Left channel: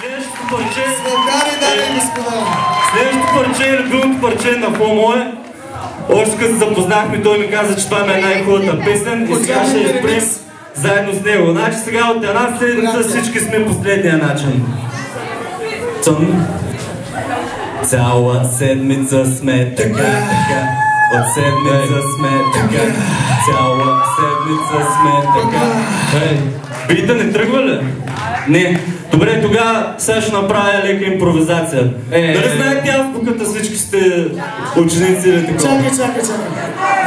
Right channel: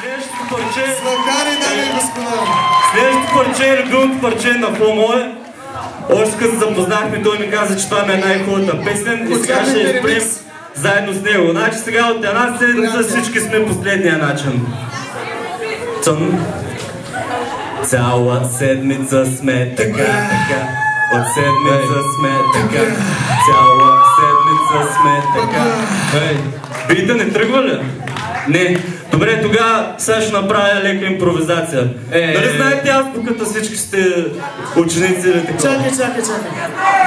Следващото парче е любимото парче на по-мое. Още като се запознахме, той ми каза, че това ми е най-хубавата песен и сега ще изпрем заедно с него. Значи сега от една седмица всички сме последния начин. Цяла седмица сме така. От седмица сме така. Цяла седмица сме така. Бита не тръгва ли? Не. Добре, тогава сега ще направя лека импровизация. Дали знаете азбуката, всички сте ученици или такова? Чакай.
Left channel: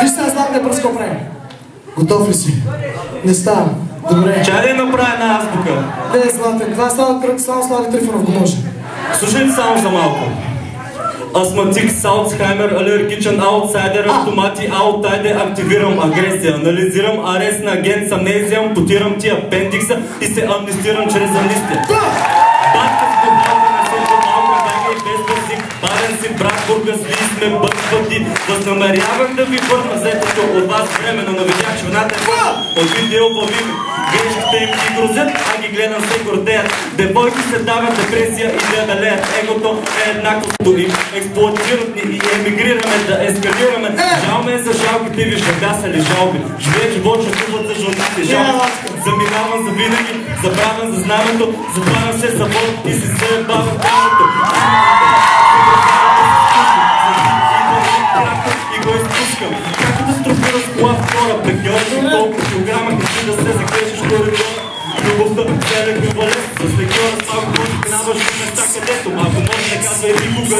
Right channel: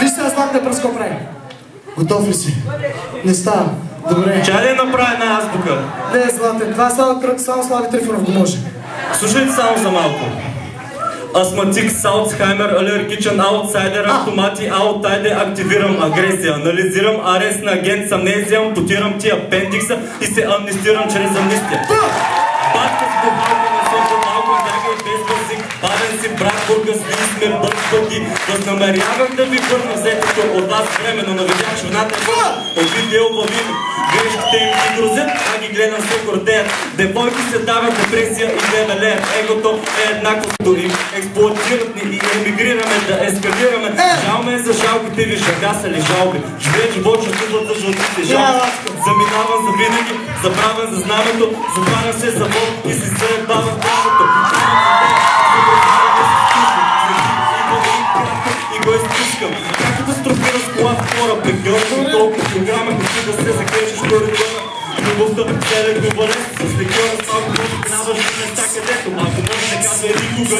Вижте, аз знам да пръско прави. Готов ли си? Не става. Добре. Чай ли направя една азбука? Не, Златен, това е само Слави Трифонов го може. Слушайте само за малко. Астматик, Алцхаймер, алергичен аутсайдер, автомати, аутайде, активирам агресия, анализирам арест на агент, амнезия, ампутирам ти апендикса и се амнистирам чрез амнистия. Батка с бухалка на също малко, бяга и без бързик, парен си брат, бурга сли сме бъдпъти, възнамерявам да ви върна взетото от вас време, но навидях, че вината е върна, от видео бавими. Грешките им ги грозят, а ги гледам се гордеят. Девойки се дават депресия и дебелеят. Егото е еднаквото им. Експлоатират ни и емигрираме да ескалираме. Жал ме за жалките ви, шага са ли жалби. Живея живот, чувстват за жълтите жалби. Заминавам за винаги, забравям за знамето. Затварям се завод и си се бавам правото. И го изпускам. Как катастрофира с кола втора, пегьорка, толкова килограма, като да се закречеш коридора. Любовта целя глобалест, с легиора само може минаваш в места където. Ако може да казва никога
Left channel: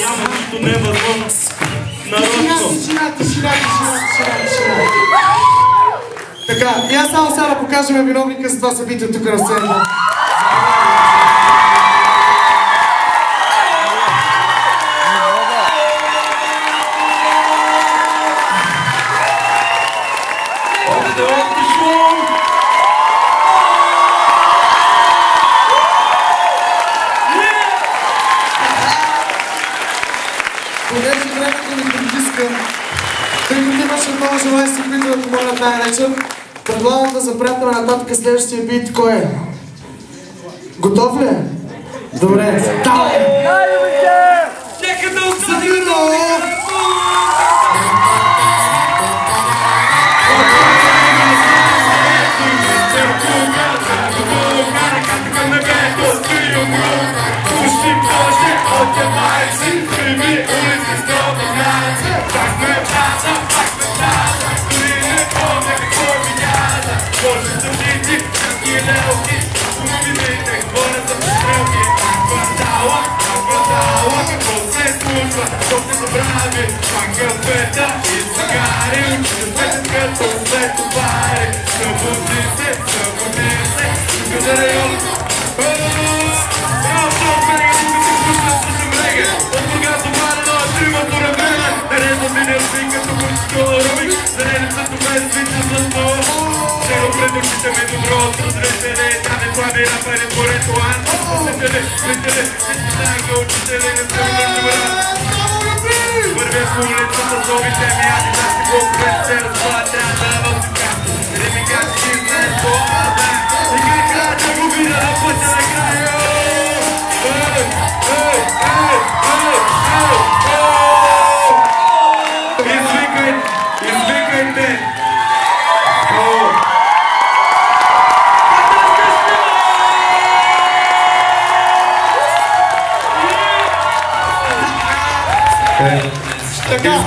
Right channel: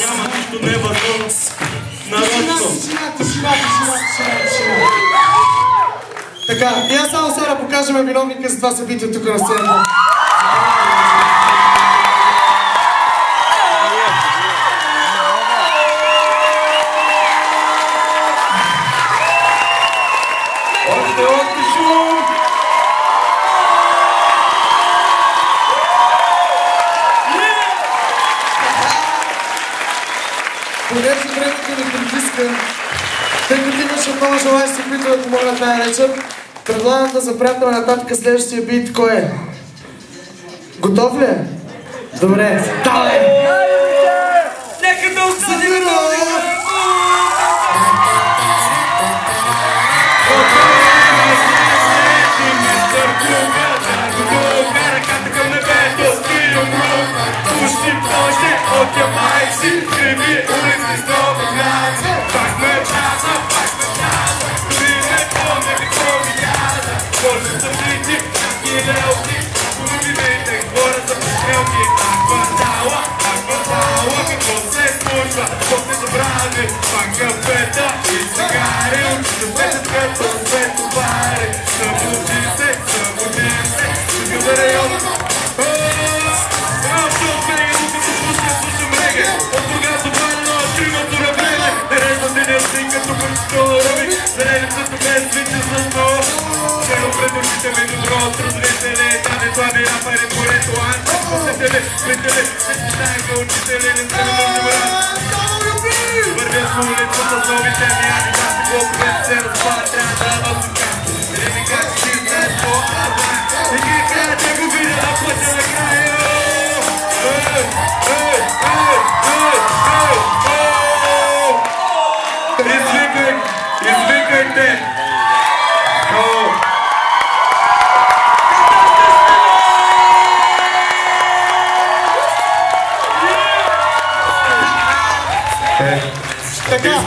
няма нищо невъзможно. Народно. Тишина. Така, и аз само сега да покажем виновника за това събитие тук на сцената. Понеже времето ни притиска, тъй като имаше много желаящи, които да помогнат най-вечер, предлагам да запрятаме нататък следващия бит. Кой е? Готов ли е? Добре. Давай! Нека да осъдим виновника!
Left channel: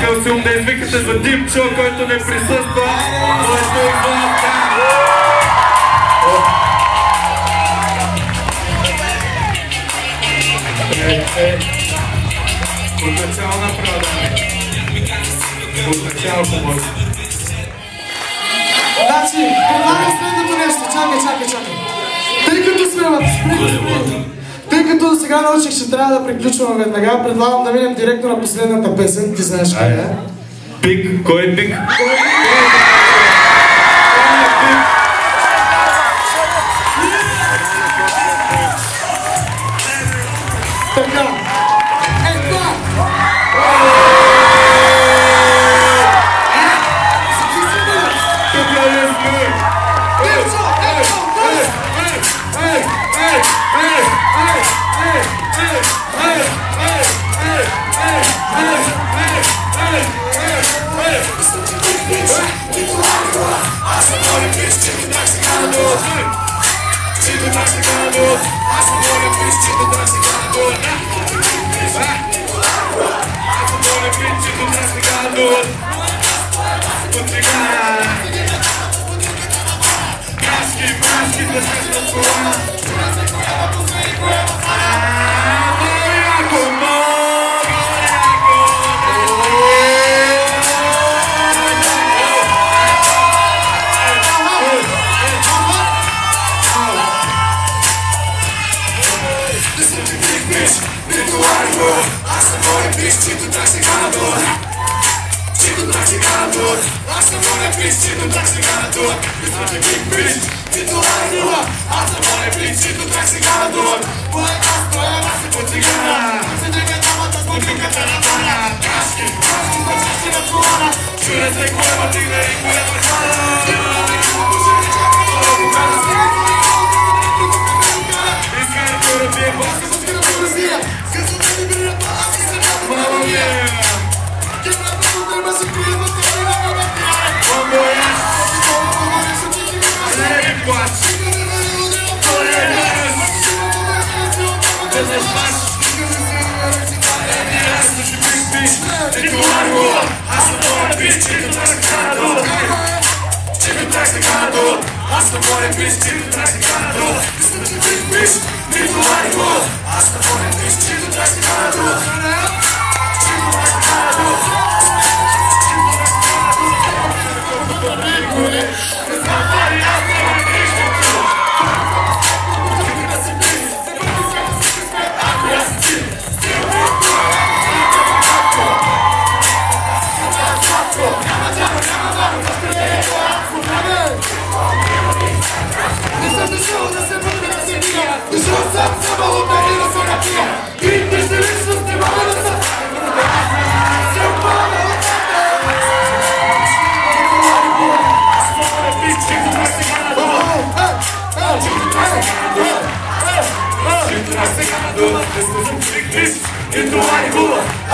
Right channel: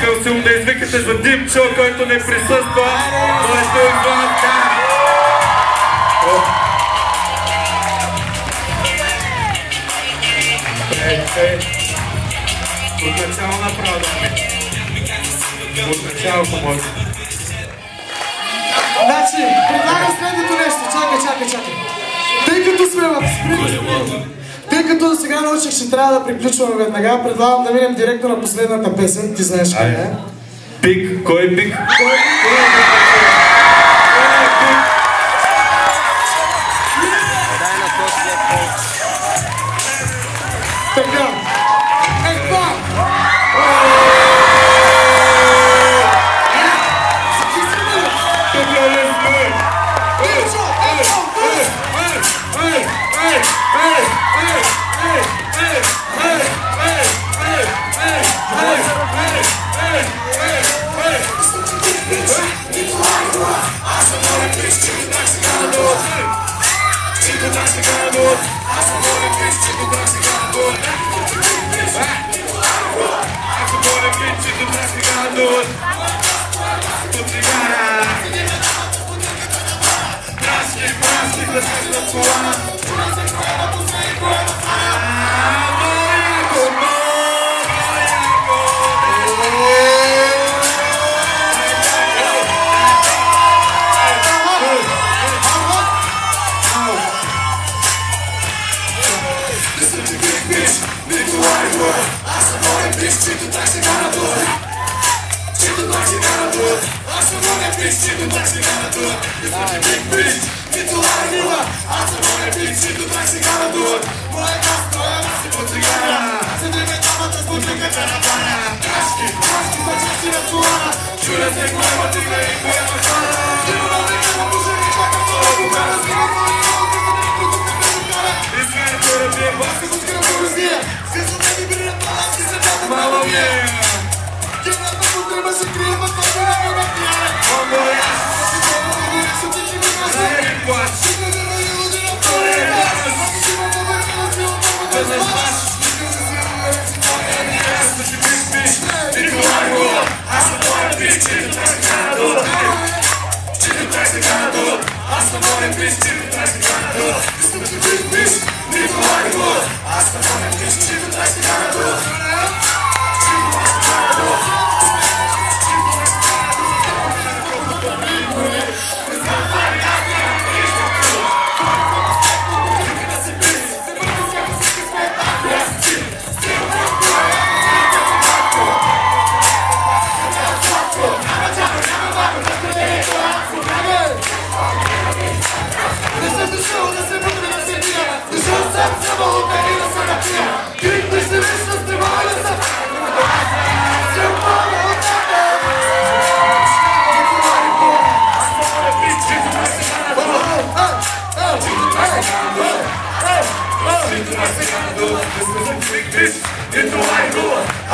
Искам се да извикате за Димчо, който не присъства, но е той Ванка. От начало направо, от начало помощ. Значи, предлагам следното нещо. Чакай. Тъй като сега научих, че трябва да приключваме веднага, предлагам да минем директно на последната песен. Ти знаеш къде е? Пик? Кой е пик? Така. Това!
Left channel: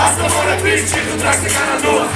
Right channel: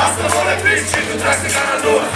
As the more I preach, you